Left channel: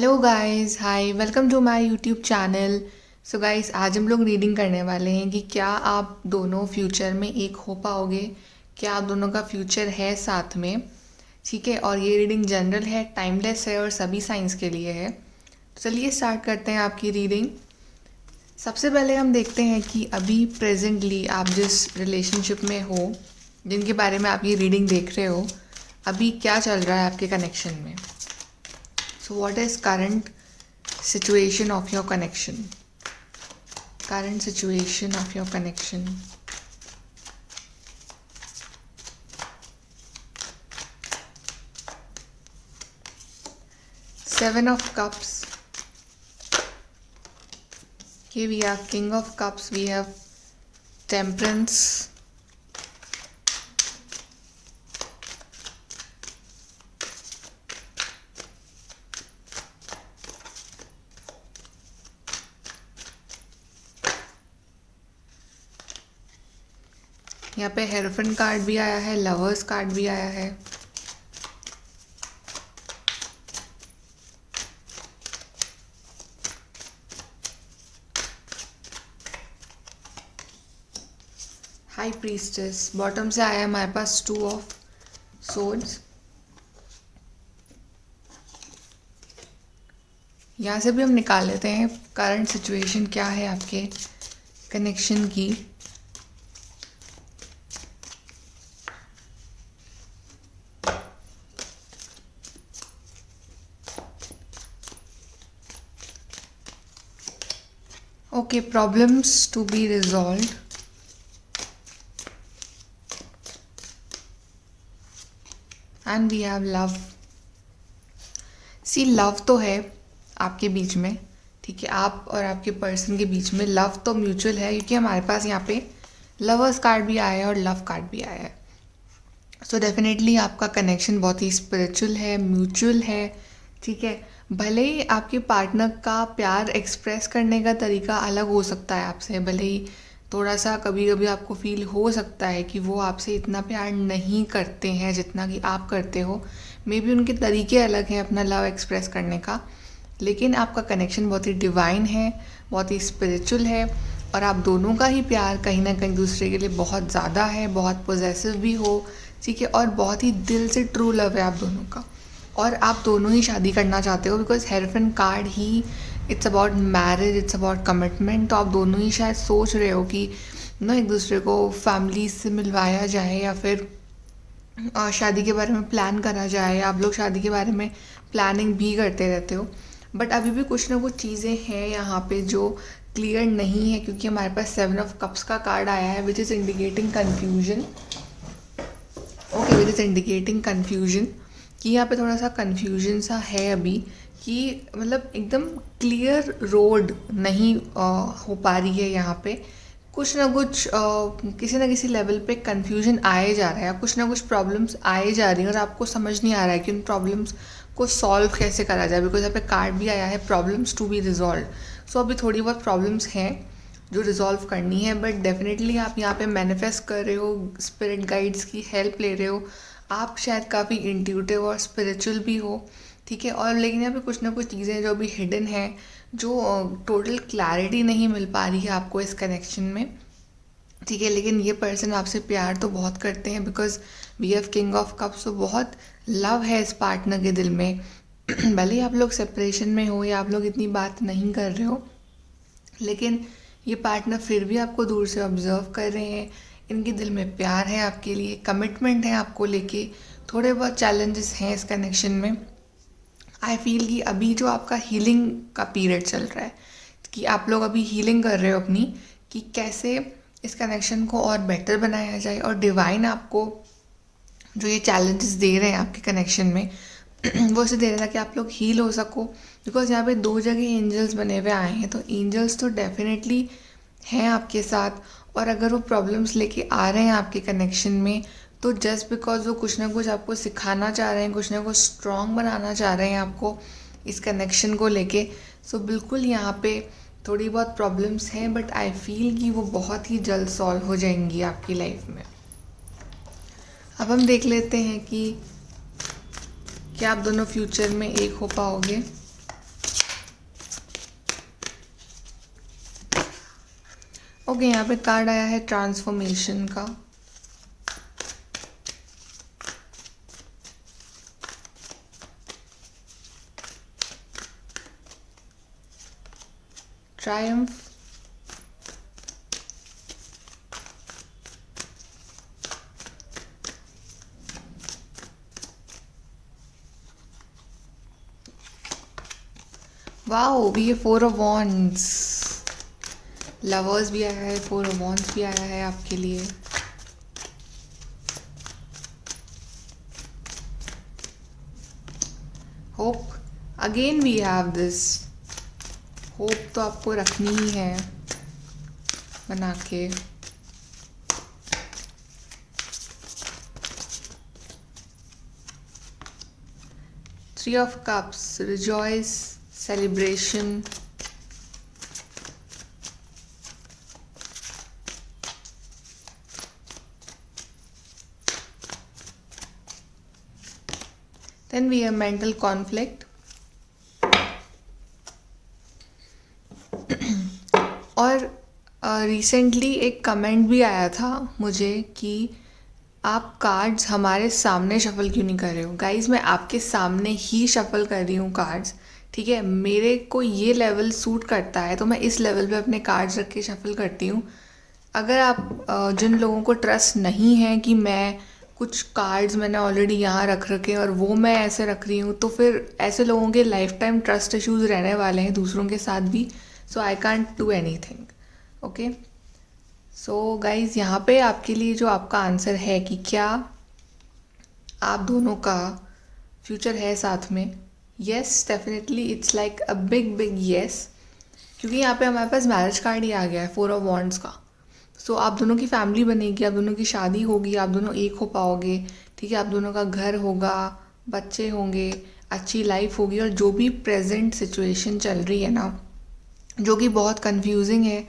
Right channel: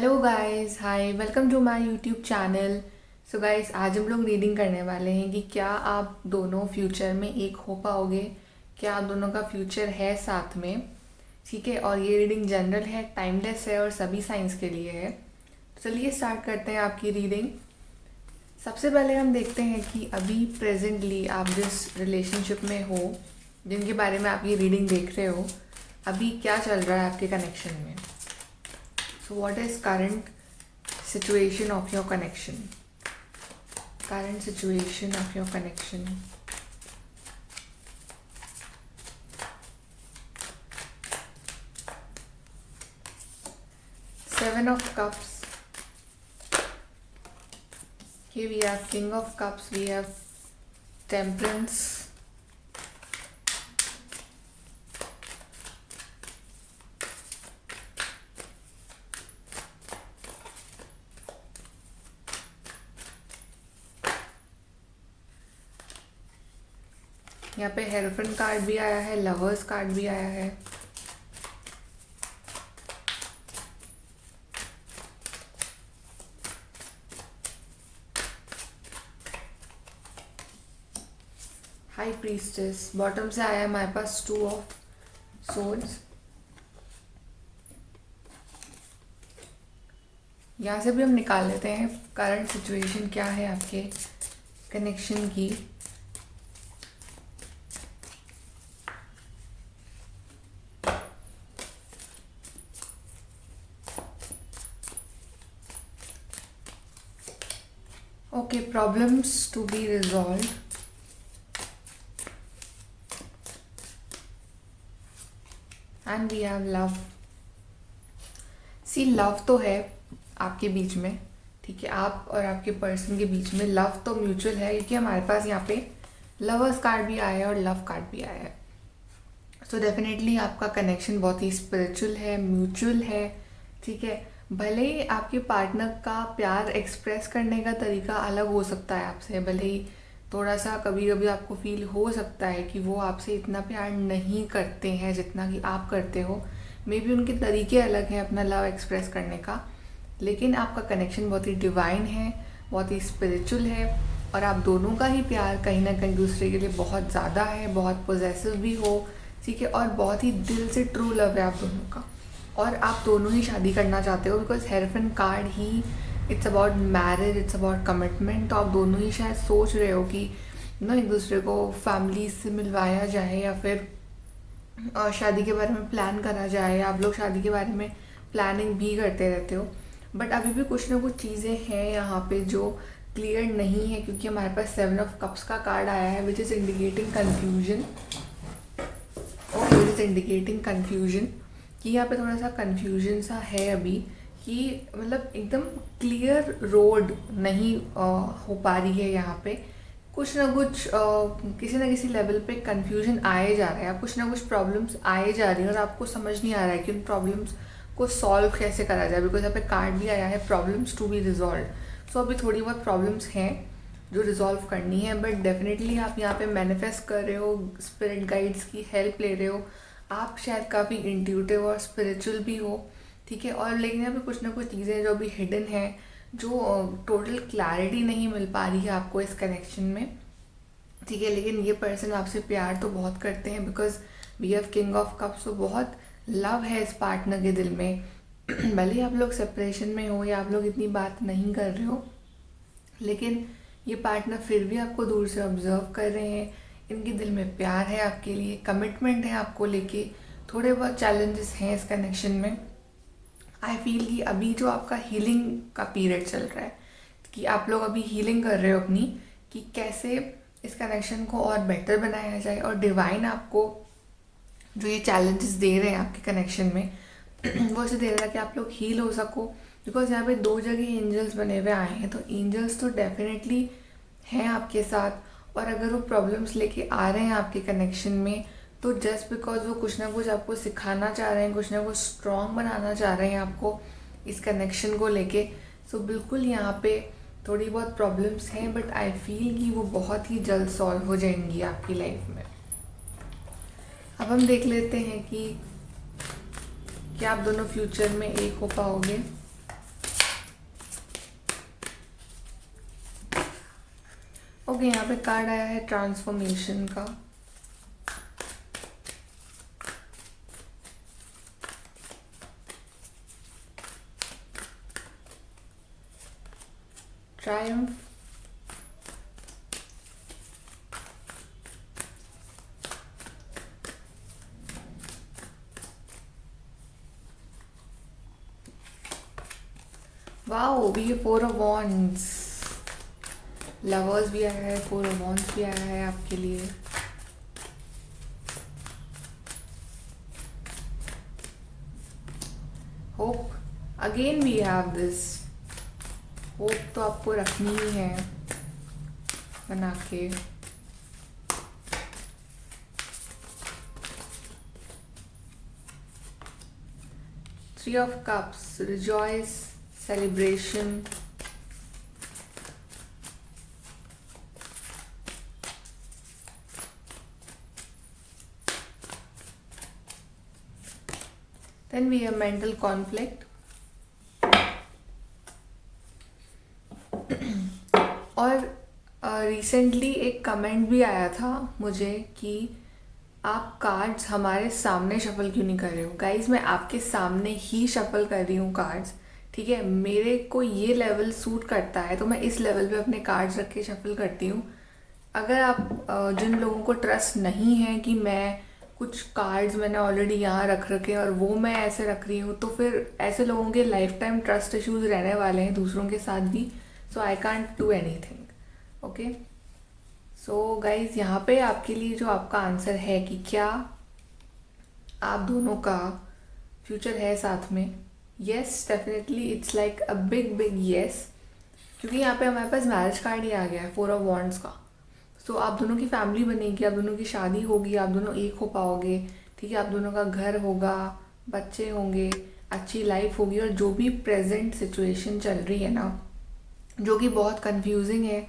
Hello guys, hi, welcome to my YouTube channel. So guys, आज हम लोग reading करने वाले हैं कि क्या आप दोनों फ्यूचर में एक हो पाओगे। क्या आप दोनों का फ्यूचर है साथ में। ठीक है, और ये रीडिंग जनरल है, टाइमलेस है और सभी साइंस के लिए है। तो चलिए स्टार्ट करते हैं आपकी रीडिंग। सबसे पहले हम देखते हैं कि अभी प्रेजेंटली आप जिस रिलेशनशिप में हो, जिनके बारे में आप ये रीडिंग देख रहे हो, अभी क्या चल रहा है आपके कनेक्शन में। So what is current situation of your connection? Current situation of your connection. Seven of Cups. Okay, we have King of Cups, we have Temperance. यहाँ पे हेरोफेंट कार्ड भी आया है, लवर्स कार्ड भी आया है। हाई प्रीस्टेस बॉटम से आया है हमारे पास, 2 ऑफ सोर्ड्स। यहाँ से भी हम निकाल लेते हैं करंट सिचुएशन क्या है आपके कनेक्शन की। Okay, problems to be resolved. And we have love. See, love तो है आपके बीच में, ठीक है, आप और आपके पर्सन के बीच में लव तो म्यूचुअल है, क्योंकि हमारे पास यहाँ पे लवर्स कार्ड भी आया है और लव कार्ड भी आया है। सो डेफिनेटली आपका कनेक्शन बहुत ही स्पिरिचुअल है, म्यूचुअल है, ठीक है। भले ही आपके पार्टनर का प्यार एक्सप्रेस करने का तरीका अलग हो सकता है आपसे, भले ही थोड़ा सा कभी कभी आपको फील हो सकता है कि वो आपसे इतना प्यार नहीं करते हैं जितना कि आप करते हो। मे बी उनके तरीके अलग हैं अपना लव एक्सप्रेस करने का, लेकिन आपका कनेक्शन बहुत ही डिवाइन है, बहुत ही स्पिरिचुअल है, और आप दोनों का ही प्यार कहीं ना कहीं दूसरे के लिए बहुत ज़्यादा है, बहुत पोजेसिव भी हो, ठीक है, और बहुत ही दिल से ट्रू लव है आप दोनों का। और आप दोनों ही शादी करना चाहते हो, because hierophant card he it's about marriage, it's about commitment. तो आप दोनों ही शायद सोच रहे हो कि ना एक दूसरे को फैमिली से मिलवाया जाए, या फिर शादी के बारे में प्लान करा जाए। आप लोग शादी के बारे में प्लानिंग भी करते रहते हो, बट अभी भी कुछ ना कुछ चीज़ें हैं यहाँ पे जो क्लियर नहीं है, क्योंकि हमारे पास 7 ऑफ कप्स का कार्ड आया है, which is indicating confusion. Okay, which is indicating confusion कि यहाँ पे थोड़ा सा कन्फ्यूजन सा है अभी, कि मतलब एकदम क्लियर रोड नहीं हो पा रही है यहाँ पे। कुछ ना कुछ किसी ना किसी लेवल पे कन्फ्यूजन आए जा रहा है, कुछ ना कुछ प्रॉब्लम्स आए जा रही हैं, और आपको समझ नहीं आ रहा है कि उन प्रॉब्लम्स को सॉल्व कैसे करा जाए, बिकॉज यहाँ पे कार्ड भी आया है प्रॉब्लम्स टू बी रिजॉल्व। सो अभी थोड़ी बहुत प्रॉब्लम्स हैं जो रिजॉल्व करनी है, बट डेफिनेटली आप यहाँ पे मैनिफेस्ट कर रहे हो, स्पिरिट गाइड्स की हेल्प ले रहे हो। आप शायद काफ़ी इंट्यूटिव और स्पिरिचुअल भी हो, ठीक है, और लेकिन यहाँ पे कुछ ना कुछ चीज़ें जो अभी हिडन है, जो टोटल क्लैरिटी नहीं मिल पा रही है आपको इस कनेक्शन में, ठीक है। लेकिन ये पर्सन आपसे प्यार तो बहुत करते हैं, because we have king of cups, तो बहुत लव है इस पार्टनर के दिल में। भले ही आप लोग सेपरेशन में हो या आप लोग इतनी बात नहीं कर रहे हो, लेकिन ये पार्टनर फिर भी आपको दूर से ऑब्जर्व कर रहे हैं। इनके दिल में प्यार है आपके लिए, कमिटमेंट है आपको लेके। थोड़े बहुत चैलेंजेस हैं इस कनेक्शन में। आई फील कि अभी जो आपका हीलिंग का पीरियड चल रहा है, कि आप लोग अभी हीलिंग कर रहे हो अपनी, कि कैसे इस कनेक्शन को और बेटर बनाया जाए, और डिवाइन आपको जो ये चैलेंजेस दे रहे हैं आपके कनेक्शन में वो इसे दे रहा है कि आप लोग हील हो सको। बिकॉज यहाँ पे 2 जगह एंजल्स बने हुए आए हैं, तो एंजल्स तो डेफिनेटली हैं आपके साथ, और अगर वो प्रॉब्लम्स लेके आ रहे हैं आपके कनेक्शन में, तो जस्ट बिकॉज वो कुछ ना कुछ आपको सिखाना चाह रहे हैं, कुछ ना कुछ स्ट्रॉन्ग बनाना चाह रहे हैं आपको इस कनेक्शन को लेके। सो बिल्कुल यहाँ पे थोड़ी बहुत प्रॉब्लम्स हैं, बट आई फील कि वो बहुत ही जल्द सॉल्व हो जाएंगी आपकी लाइफ में। अब हम देख लेते हैं कि क्या आप दोनों फ्यूचर में एक हो पाओगे। ओके, यहाँ पे कार्ड आया है ट्रांसफॉर्मेशन का। ट्रायम्फ, वाओ, ये 4 ऑफ वॉन्ड्स, लवर्स भी आया है, 4 ऑफ वॉन्ड्स भी आया है आपके लिए। Hope, again we have this, hope तो आपको रखनी ही है बना के। Three of cups, rejoice, celebration. Then we have mental conflict. और रिसेंटली एक कमेंट भी आया था मुझे कि आप कार्ड्स हमारे सामने शफल क्यों नहीं कर रहे हो। गाइज, मैं आपके सामने ही शफल कर रही हूँ कार्ड्स, ठीक है। मेरे को ये लेवल सूट करता है तो मैं इस लेवल पे अपने कार्ड्स रख के शफल करती हूँ। अगर आप जिन लोगों को ट्रस्ट नहीं है कि मैं कुछ कार्ड्स मैंने ऑलरेडी यहाँ रख रखे और वो मैं ऐसे रख रही हूँ, तो फिर ऐसे लोगों के लाइफ टाइम ट्रस्ट इश्यूज रहने वाले हैं दूसरों के साथ भी। So I can't do anything, okay. So guys, यहाँ पे आपके लिए जो आपका आंसर है कि क्या आप दोनों का फ्यूचर है साथ में, yes, definitely it's like a big big yes, क्योंकि यहाँ पे हमारे पास मैरिज कार्ड ही आ गया है, 4 ऑफ वॉन्ड्स का। सो आप दोनों की फैमिली बनेगी, आप दोनों की शादी होगी, आप दोनों एक हो पाओगे, ठीक है। आप दोनों का घर होगा, बच्चे होंगे, अच्छी लाइफ होगी। और जो भी प्रेजेंट सिचुएशन चल रही है ना, जो कि बहुत कंफ्यूजिंग है,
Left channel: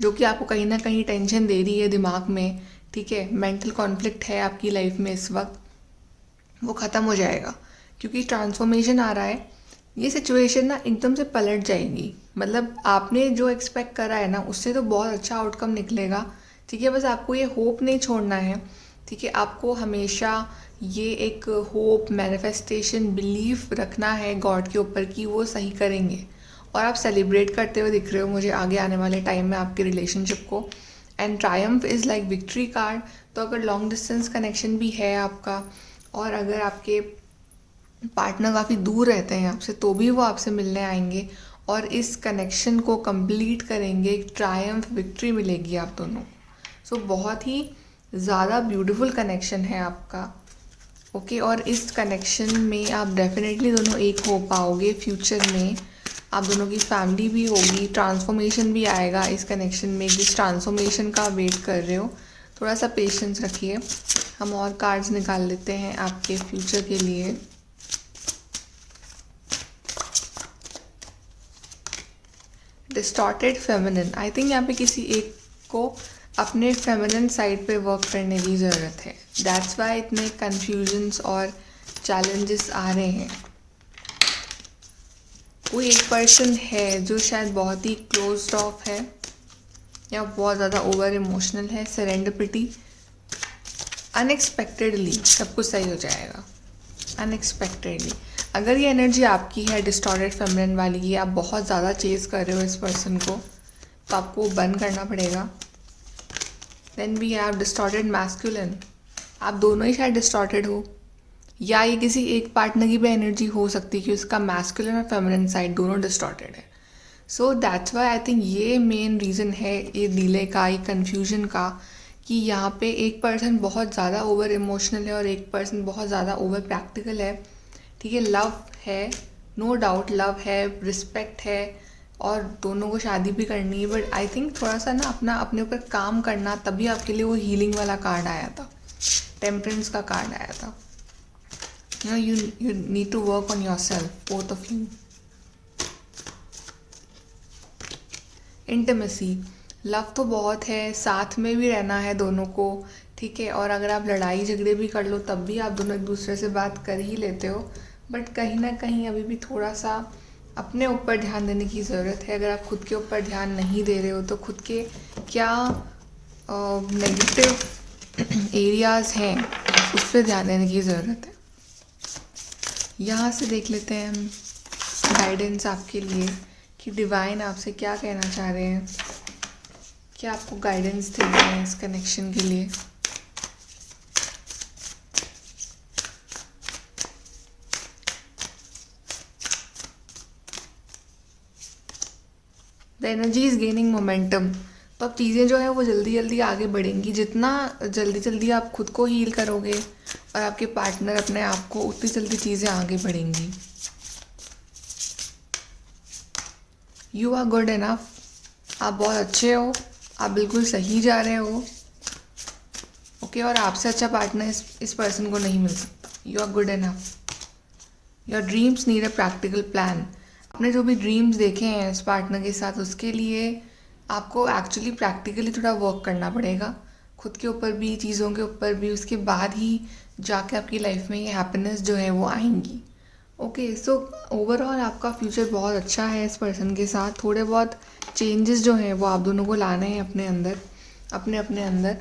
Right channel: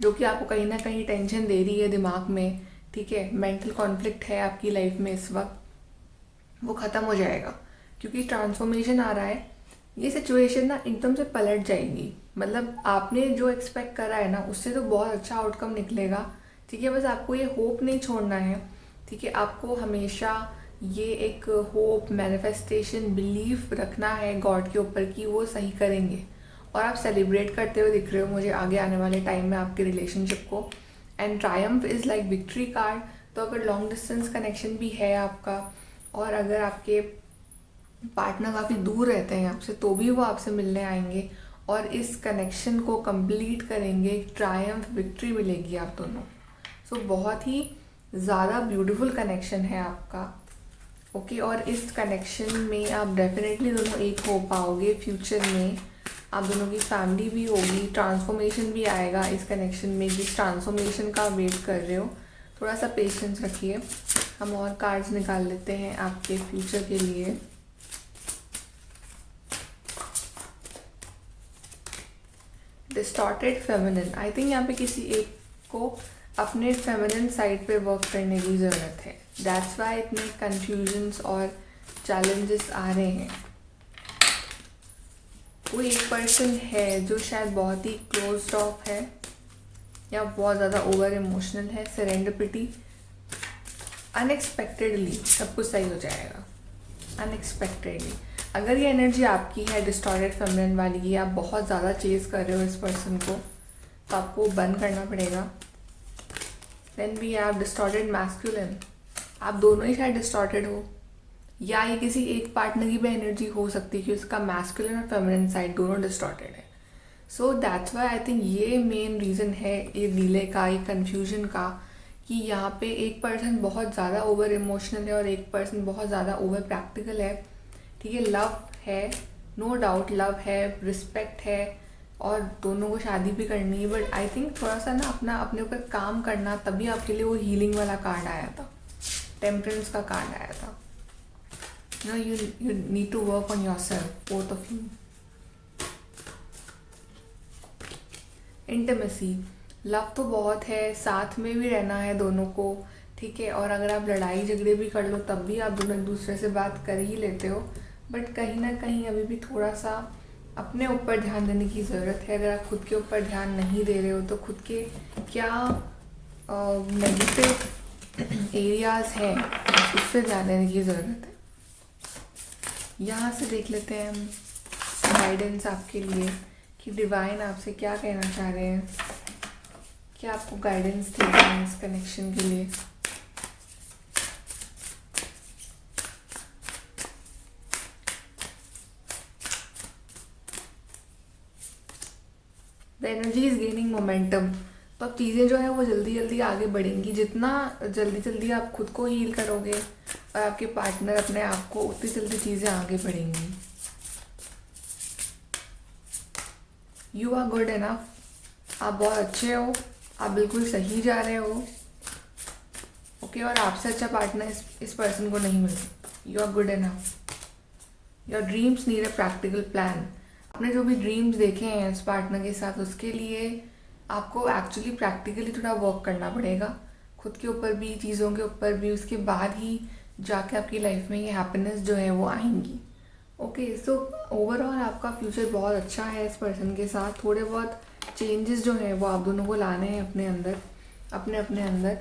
जो कि आपको कहीं ना कहीं टेंशन दे रही है दिमाग में, ठीक है, मेंटल कॉन्फ्लिक्ट है आपकी लाइफ में इस वक्त, वो ख़त्म हो जाएगा क्योंकि ट्रांसफॉर्मेशन आ रहा है। ये सिचुएशन ना एकदम से पलट जाएगी, मतलब आपने जो एक्सपेक्ट करा है ना उससे तो बहुत अच्छा आउटकम निकलेगा, ठीक है। बस आपको ये होप नहीं छोड़ना है, ठीक है। आपको हमेशा ये एक होप, मैनिफेस्टेशन, बिलीफ रखना है गॉड के ऊपर कि वो सही करेंगे। और आप सेलिब्रेट करते हुए दिख रहे हो मुझे आगे आने वाले टाइम में आपके रिलेशनशिप को। And Triumph is like victory card. तो अगर लॉन्ग डिस्टेंस कनेक्शन भी है आपका, और अगर आपके पार्टनर काफ़ी दूर रहते हैं आपसे, तो भी वो आपसे मिलने आएंगे और इस कनेक्शन को कंप्लीट करेंगे, एक ट्रायम्फ, विक्ट्री मिलेगी आप दोनों। सो बहुत ही ज़्यादा ब्यूटीफुल कनेक्शन है आपका, ओके। और इस कनेक्शन में आप डेफिनेटली दोनों एक हो पाओगे फ्यूचर में। आप दोनों की फैमिली भी होगी, ट्रांसफॉर्मेशन भी आएगा इस कनेक्शन में, जिस ट्रांसफॉर्मेशन का वेट कर रहे हो। थोड़ा सा पेशेंस रखिए। हम और कार्ड्स निकाल लेते हैं आपके फ्यूचर के लिए। डिस्टॉर्टेड फेमिनिन, आई थिंक यहाँ पे किसी एक को अपने फेमिनिन साइड पे वर्क करने की ज़रूरत है। दैट्स वाई इतने कन्फ्यूजन्स और चैलेंजेस आ रहे हैं। कोई एक पर्सन है जो शायद बहुत ही क्लोज्ड ऑफ है या बहुत ज़्यादा ओवर इमोशनल है। सेरेंडिपिटी, अनएक्सपेक्टेडली सब कुछ सही हो जाएगा, अनएक्सपेक्टेडली। अगर ये एनर्जी आपकी है डिस्टॉर्टेड फेमिनिन वाली, ये आप बहुत ज़्यादा चेज़ कर रहे हो इस पर्सन को, तो आपको बंद करना पड़ेगा। Then we have distorted masculine. आप दोनों ही शायद डिस्टॉर्टेड हो, या ये किसी एक पार्टनर की भी एनर्जी हो सकती है कि उसका मैस्कुलिन और फेमिनिन साइड दोनों डिस्टॉर्टेड है। So that's why I think ये मेन रीज़न है ये डिले का, ये कन्फ्यूजन का, कि यहाँ पे एक पर्सन बहुत ज़्यादा ओवर इमोशनल है और एक पर्सन बहुत ज़्यादा ओवर प्रैक्टिकल है, ठीक है। लव है, नो डाउट लव है, रिस्पेक्ट है, और दोनों को शादी भी करनी है। बट आई थिंक थोड़ा सा ना अपने ऊपर काम करना, तभी आपके लिए वो हीलिंग वाला कार्ड आया था, टेम्परेंस का कार्ड आया था। You need to work on yourself, both of you. Intimacy, love तो बहुत है, साथ में भी रहना है दोनों को, ठीक है। और अगर आप लड़ाई झगड़े भी कर लो तब भी आप दोनों एक दूसरे से बात कर ही लेते हो, बट कहीं ना कहीं अभी भी थोड़ा सा अपने ऊपर ध्यान देने की ज़रूरत है। अगर आप खुद के ऊपर ध्यान नहीं दे रहे हो तो खुद के क्या नेगेटिव एरियाज़ हैं उस पर ध्यान देने की ज़रूरत है। यहाँ से देख लेते हैं हम गाइडेंस आपके लिए कि डिवाइन आपसे क्या कहना चाह रहे हैं, क्या आपको गाइडेंस दे रहे हैं इस कनेक्शन के लिए। The energy is gaining momentum. तो अब चीज़ें जो है वो जल्दी जल्दी आगे बढ़ेंगी। जितना जल्दी जल्दी आप खुद को हील करोगे और आपके पार्टनर अपने आप को, उतनी जल्दी चीज़ें आगे बढ़ेंगी। You are good enough. आप बहुत अच्छे हो, आप बिल्कुल सही जा रहे हो। ओके, और आपसे अच्छा पार्टनर इस पर्सन को नहीं मिल सकता। You are good enough. Your dreams need a practical plan. आपने जो भी ड्रीम्स देखे हैं इस पार्टनर के साथ, उसके लिए आपको एक्चुअली प्रैक्टिकली थोड़ा वर्क करना पड़ेगा, खुद के ऊपर भी, चीज़ों के ऊपर भी। उसके बाद ही जाके आपकी लाइफ में ये हैप्पीनेस जो है वो आएंगी। ओके, सो ओवरऑल आपका फ्यूचर बहुत अच्छा है इस पर्सन के साथ। थोड़े बहुत चेंजेस जो हैं वो आप दोनों को लाने हैं अपने अंदर, अपने अंदर।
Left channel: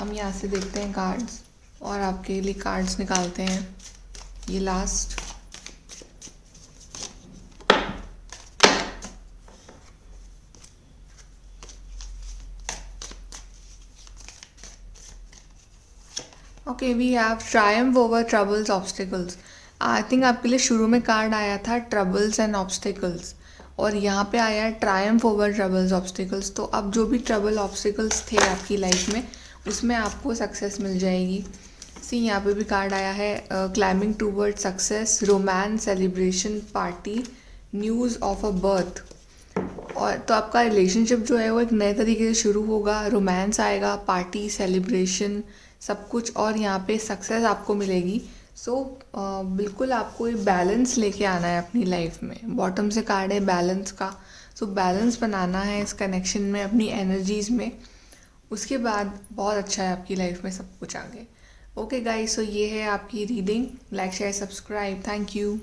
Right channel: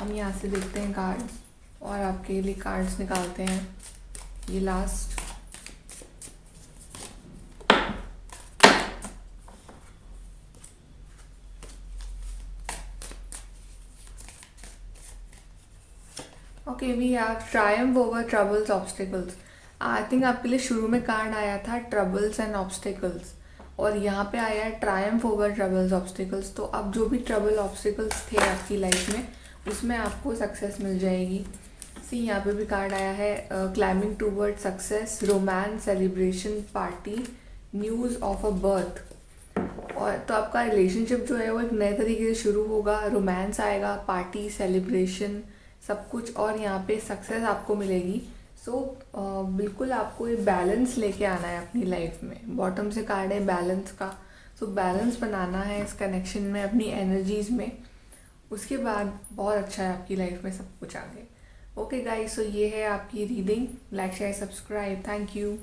हम यहाँ से देखते हैं कार्ड्स और आपके लिए कार्ड्स निकालते हैं। ये last okay, we have triumph over troubles obstacles. I think आपके लिए शुरू में कार्ड आया था ट्रबल्स एंड ऑब्स्टिकल्स, और यहाँ पे आया है ट्रायम्फ ओवर ट्रबल्स ऑब्स्टिकल्स। तो अब जो भी ट्रबल ऑब्स्टिकल्स थे आपकी लाइफ में, उसमें आपको सक्सेस मिल जाएगी। सी, यहाँ पे भी कार्ड आया है climbing toward success, romance, celebration, party, news of a birth. और तो आपका रिलेशनशिप जो है वो एक नए तरीके से शुरू होगा। रोमांस आएगा, पार्टी, सेलिब्रेशन, सब कुछ, और यहाँ पे सक्सेस आपको मिलेगी। सो बिल्कुल आपको एक बैलेंस लेके आना है अपनी लाइफ में। बॉटम से कार्ड है बैलेंस का। सो बैलेंस बनाना है इस कनेक्शन में, अपनी एनर्जीज में। उसके बाद बहुत अच्छा है आपकी लाइफ में सब कुछ आगे। ओके गाइस, सो ये है आपकी reading. Like, share, subscribe. Thank you.